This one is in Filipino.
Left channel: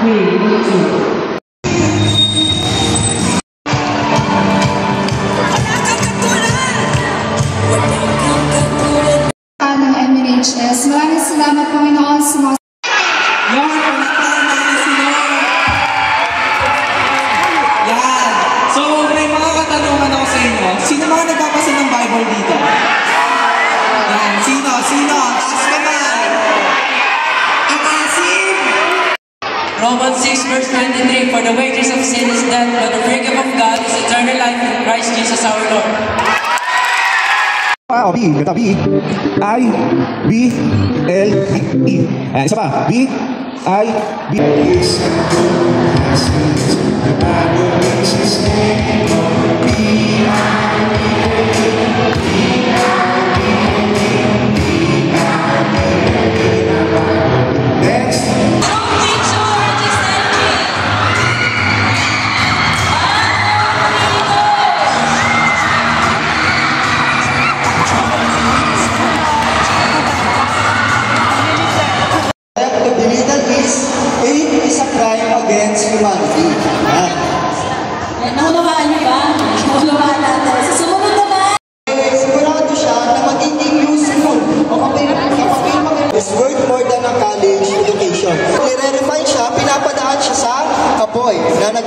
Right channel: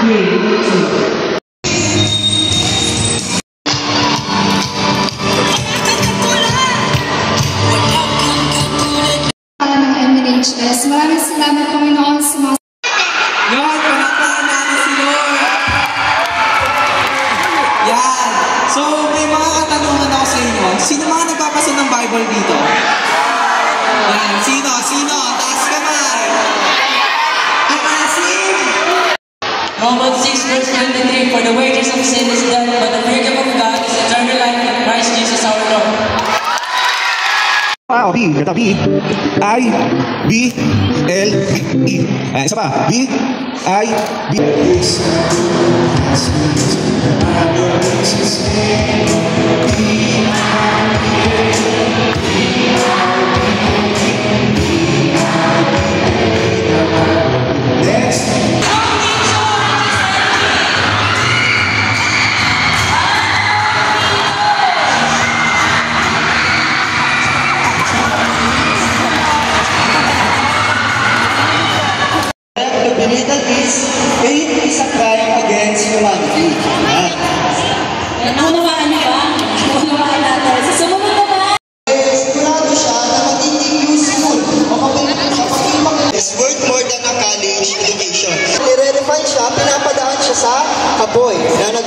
ng MNHS. Maraming salamat, Panginoon, sa mga... Yan! So, may mga katanungan ako sa inyo. Sino mga nagbabasa ng Bible dito? Yan. Sino? Sino? Taas kamay! Ikasim! Romans 6 verse 23, for the wages of sin is death, but the free gift of God is eternal life in Christ Jesus our Lord. B, kata B, I, B, L, E. Isa pa, B, I, B. Hate is a crime against humanity. Naunawaan niyo ba? Naunawaan natin. Sa sumunod naman. Sigurado siya na magiging useful o mapagpapagpapag. Is worth more than a college education. Nire-refine siya, pinapadaan siya sa kapoy na